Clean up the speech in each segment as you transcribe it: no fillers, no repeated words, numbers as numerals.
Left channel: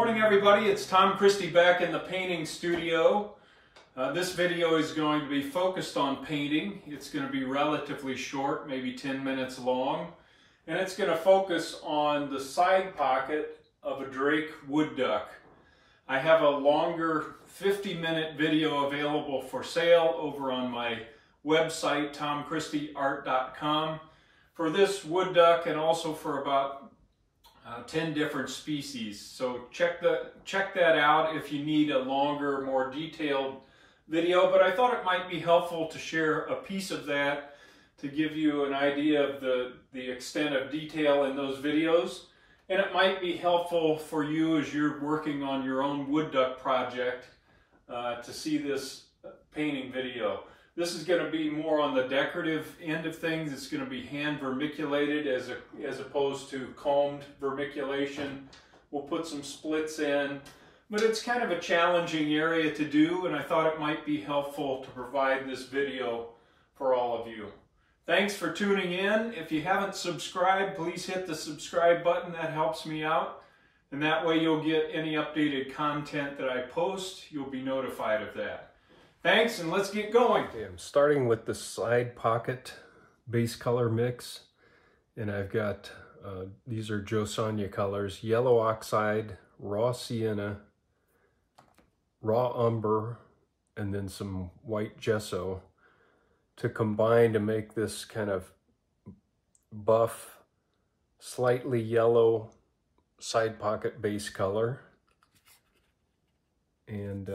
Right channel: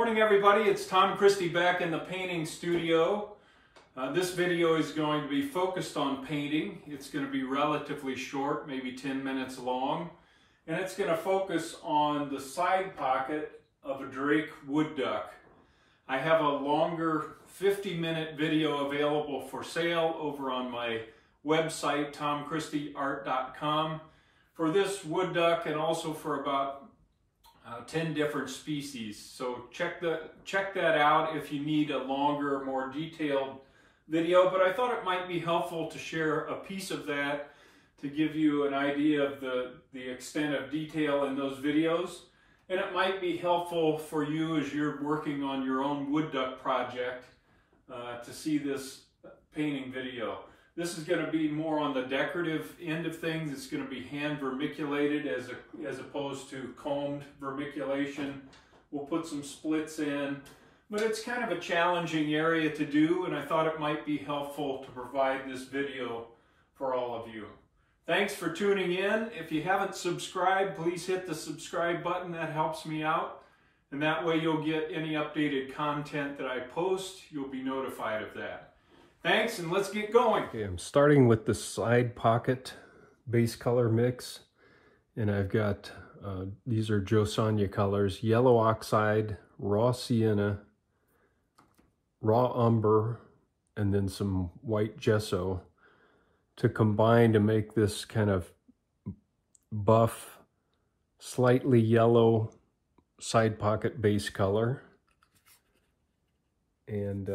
Morning everybody, it's Tom Christie back in the painting studio. This video is going to be focused on painting. It's going to be relatively short, maybe 10 minutes long, and it's going to focus on the side pocket of a drake wood duck. I have a longer 50-minute video available for sale over on my website, tomchristieart.com, for this wood duck and also for about 10 different species. So check that out if you need a longer, more detailed video. But I thought it might be helpful to share a piece of that to give you an idea of the extent of detail in those videos. And it might be helpful for you as you're working on your own wood duck project to see this painting video. This is going to be more on the decorative end of things. It's going to be hand vermiculated as opposed to combed vermiculation. We'll put some splits in, but it's kind of a challenging area to do, and I thought it might be helpful to provide this video for all of you. Thanks for tuning in. If you haven't subscribed, please hit the subscribe button. That helps me out, and that way you'll get any updated content that I post. You'll be notified of that. Thanks, and let's get going. Okay, I'm starting with the side pocket base color mix, and I've got, these are Joe Sonia colors: yellow oxide, raw sienna, raw umber, and then some white gesso to combine to make this kind of buff, slightly yellow side pocket base color. And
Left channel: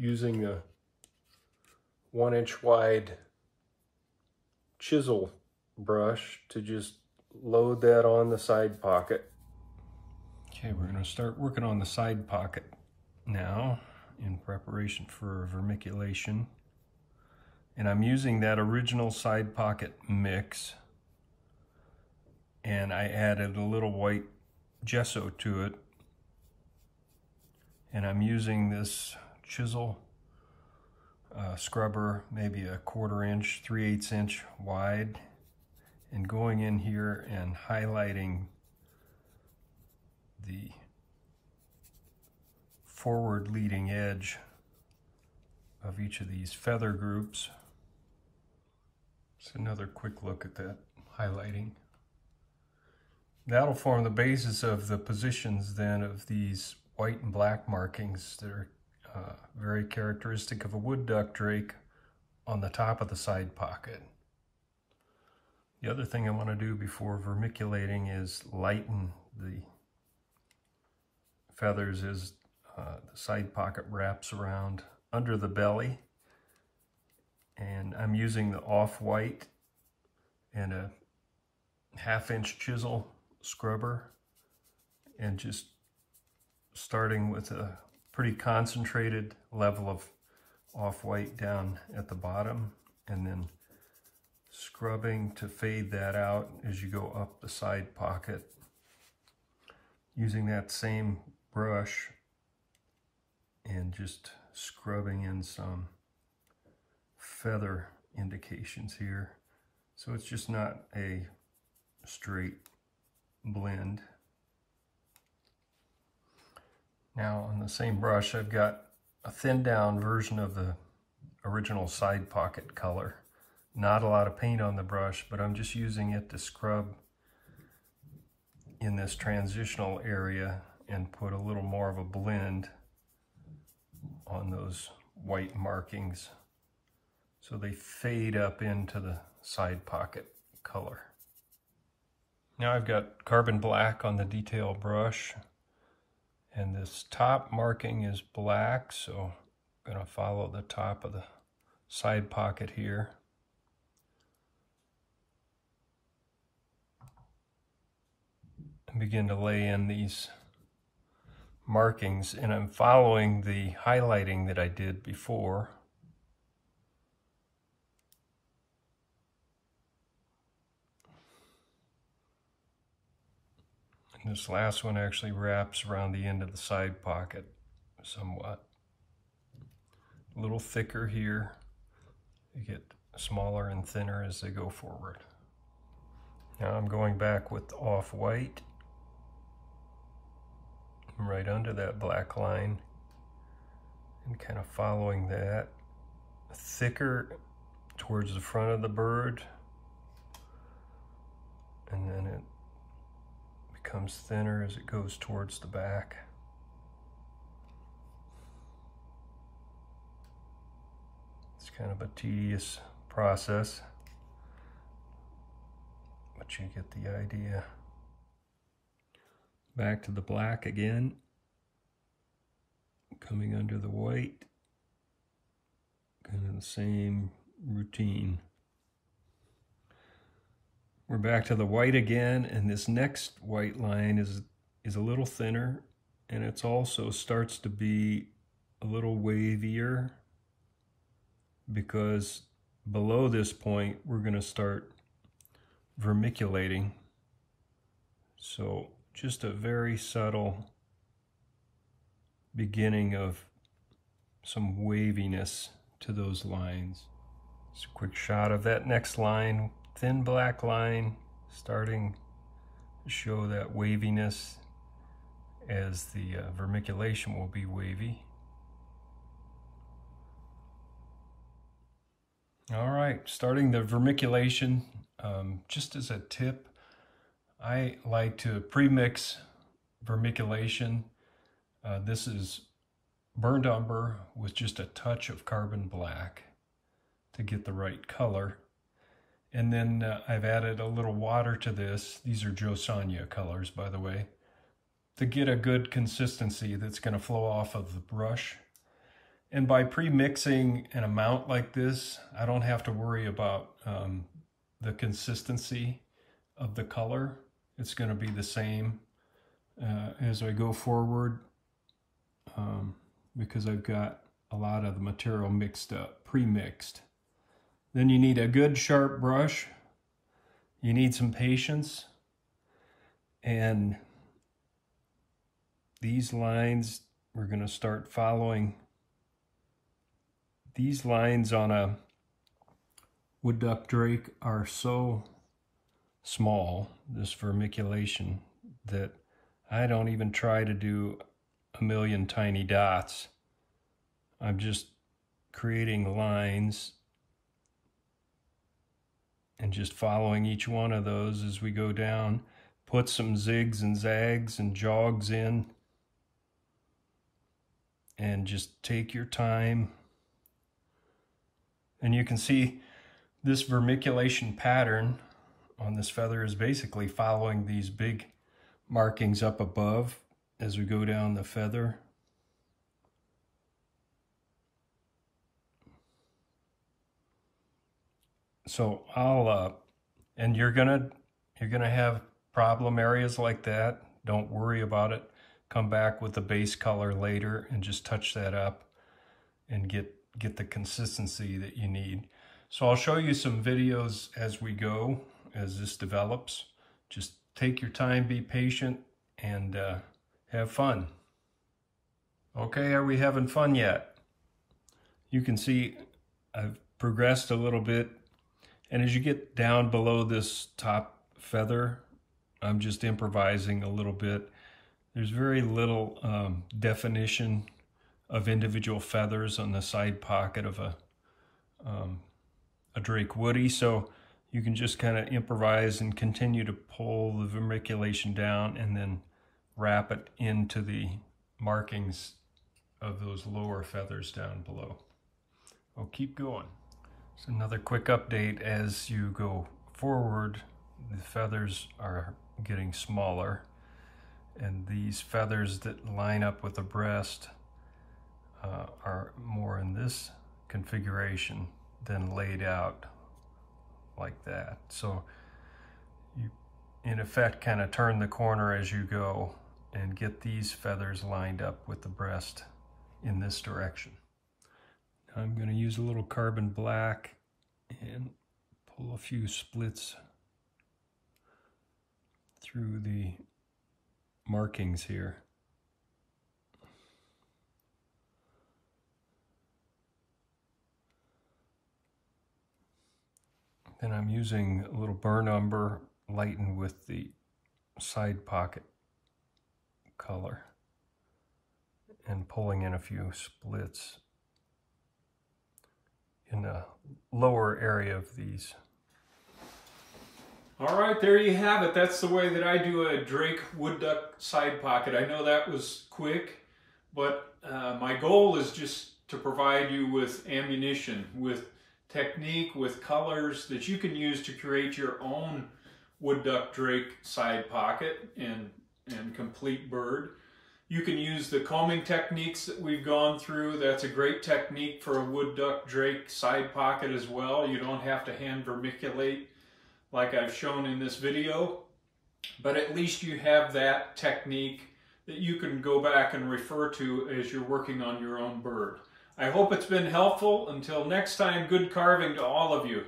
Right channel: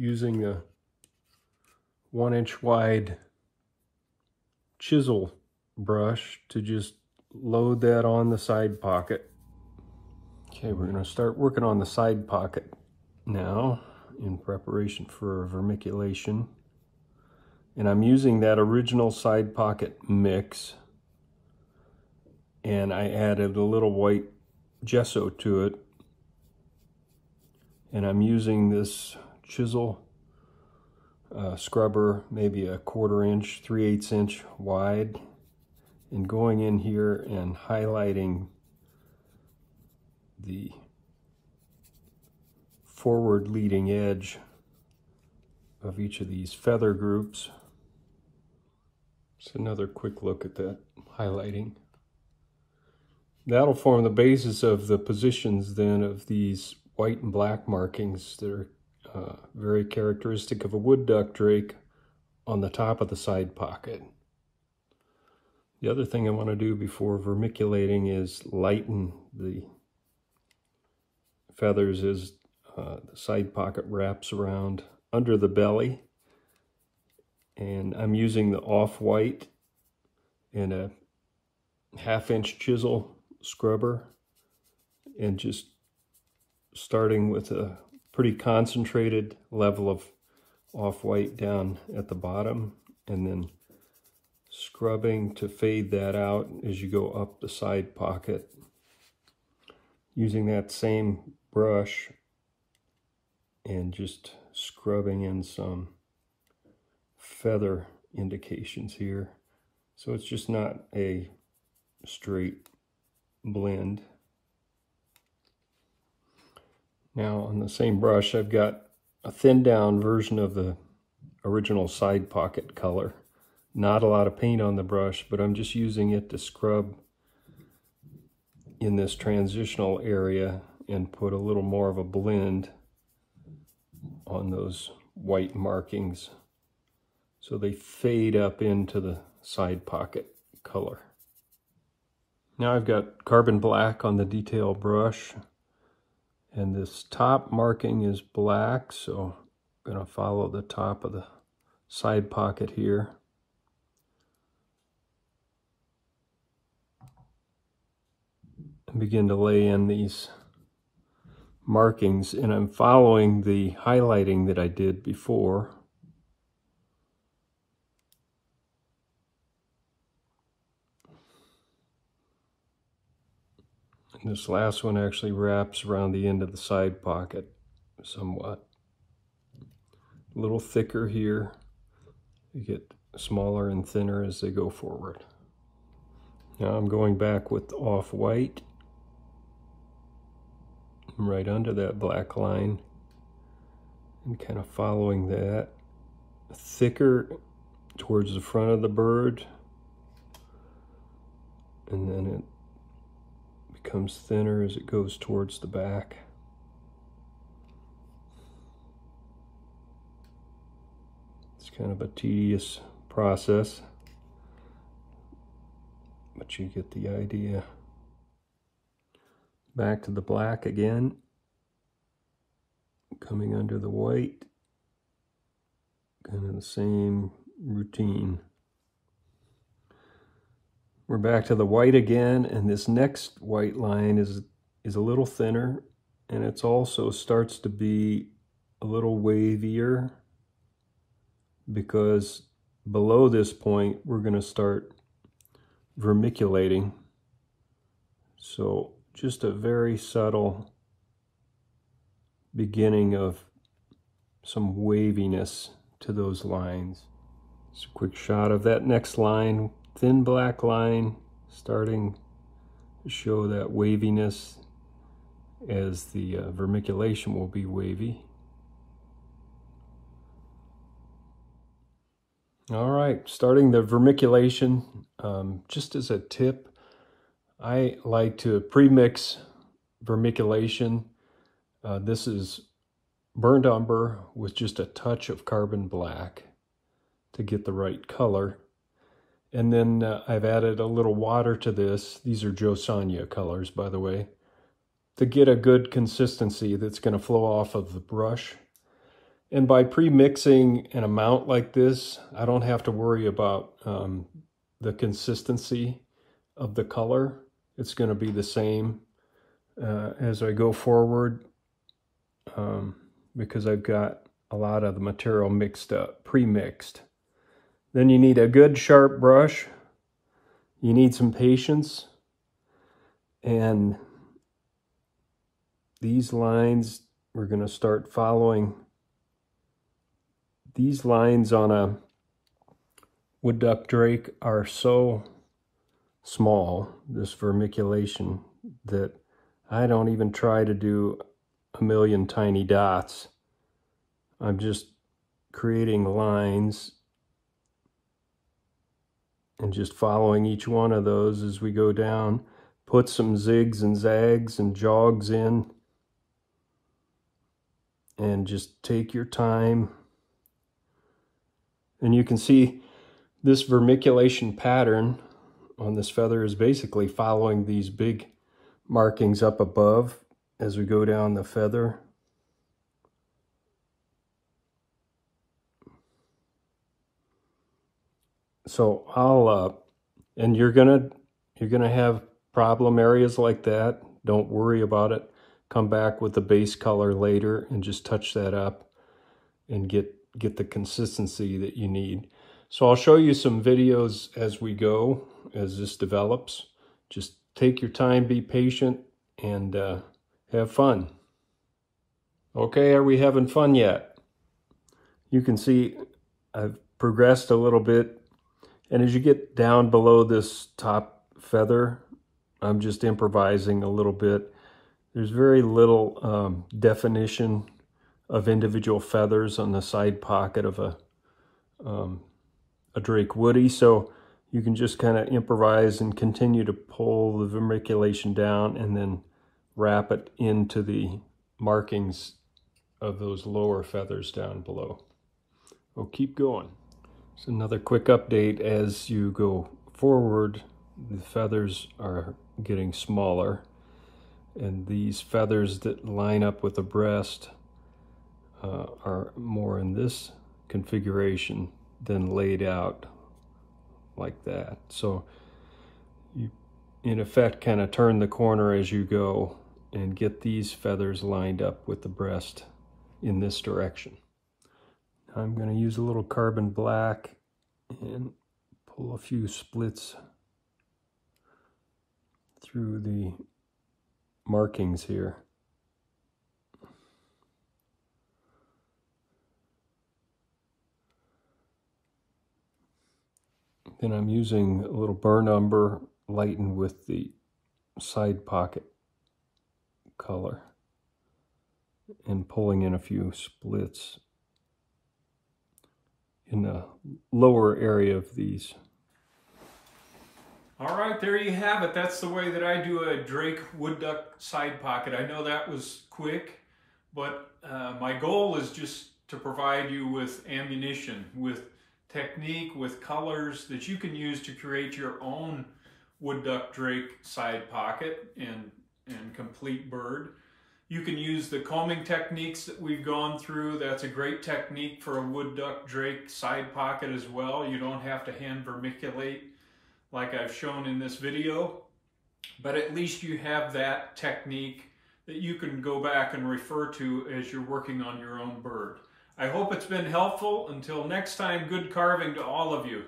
using a 1-inch wide chisel brush to just load that on the side pocket. Okay, we're going to start working on the side pocket now in preparation for vermiculation. And I'm using that original side pocket mix, and I added a little white gesso to it, and I'm using this chisel scrubber, maybe a 1/4 inch, 3/8 inch wide, and going in here and highlighting the forward leading edge of each of these feather groups. Just another quick look at that highlighting. That'll form the basis of the positions then of these white and black markings that are very characteristic of a wood duck drake on the top of the side pocket. The other thing I want to do before vermiculating is lighten the feathers as the side pocket wraps around under the belly. And I'm using the off-white and a 1/2 inch chisel scrubber, and just starting with a pretty concentrated level of off-white down at the bottom, and then scrubbing to fade that out as you go up the side pocket, using that same brush and just scrubbing in some feather indications here, so it's just not a straight blend. Now on the same brush, I've got a thinned down version of the original side pocket color. Not a lot of paint on the brush, but I'm just using it to scrub in this transitional area and put a little more of a blend on those white markings so they fade up into the side pocket color. Now I've got carbon black on the detail brush, and this top marking is black, so I'm going to follow the top of the side pocket here. And begin to lay in these markings, and I'm following the highlighting that I did before. And this last one actually wraps around the end of the side pocket somewhat. A little thicker here. You get smaller and thinner as they go forward. Now I'm going back with off-white right under that black line and kind of following that. Thicker towards the front of the bird, and then it becomes thinner as it goes towards the back. It's kind of a tedious process, but you get the idea. Back to the black again, coming under the white, kind of the same routine. We're back to the white again, and this next white line is a little thinner, and it's also starts to be a little wavier, because below this point we're going to start vermiculating. So just a very subtle beginning of some waviness to those lines. Just a quick shot of that next line, thin black line, starting to show that waviness as the vermiculation will be wavy. All right, starting the vermiculation. Just as a tip, I like to pre-mix vermiculation. This is burnt umber with just a touch of carbon black to get the right color. And then I've added a little water to this. These are Joe Sonia colors, by the way, to get a good consistency that's going to flow off of the brush. And by pre-mixing an amount like this, I don't have to worry about the consistency of the color. It's going to be the same as I go forward, because I've got a lot of the material mixed up, pre-mixed. Then you need a good sharp brush. You need some patience. And these lines, we're going to start following. These lines on a wood duck drake are so small, this vermiculation, that I don't even try to do a million tiny dots. I'm just creating lines and just following each one of those as we go down. Put some zigs and zags and jogs in, and just take your time. And you can see this vermiculation pattern on this feather is basically following these big markings up above as we go down the feather. So I'll and you're gonna have problem areas like that. Don't worry about it. Come back with the base color later and just touch that up and get the consistency that you need. So I'll show you some videos as we go, as this develops. Just take your time, be patient, and have fun. Okay, are we having fun yet? You can see I've progressed a little bit. And as you get down below this top feather, I'm just improvising a little bit. There's very little definition of individual feathers on the side pocket of a drake woody, so you can just kind of improvise and continue to pull the vermiculation down and then wrap it into the markings of those lower feathers down below. We'll keep going. So another quick update: as you go forward, the feathers are getting smaller, and these feathers that line up with the breast are more in this configuration than laid out like that. So you, in effect, kind of turn the corner as you go and get these feathers lined up with the breast in this direction. I'm going to use a little carbon black and pull a few splits through the markings here. Then I'm using a little burnt umber lightened with the side pocket color. and pulling in a few splits in the lower area of these. All right, there you have it. That's the way that I do a Drake wood duck side pocket. I know that was quick, but my goal is just to provide you with ammunition, with technique, with colors that you can use to create your own wood duck drake side pocket and complete bird. You can use the combing techniques that we've gone through. That's a great technique for a wood duck drake side pocket as well. You don't have to hand vermiculate like I've shown in this video, but at least you have that technique that you can go back and refer to as you're working on your own bird. I hope it's been helpful. Until next time, good carving to all of you.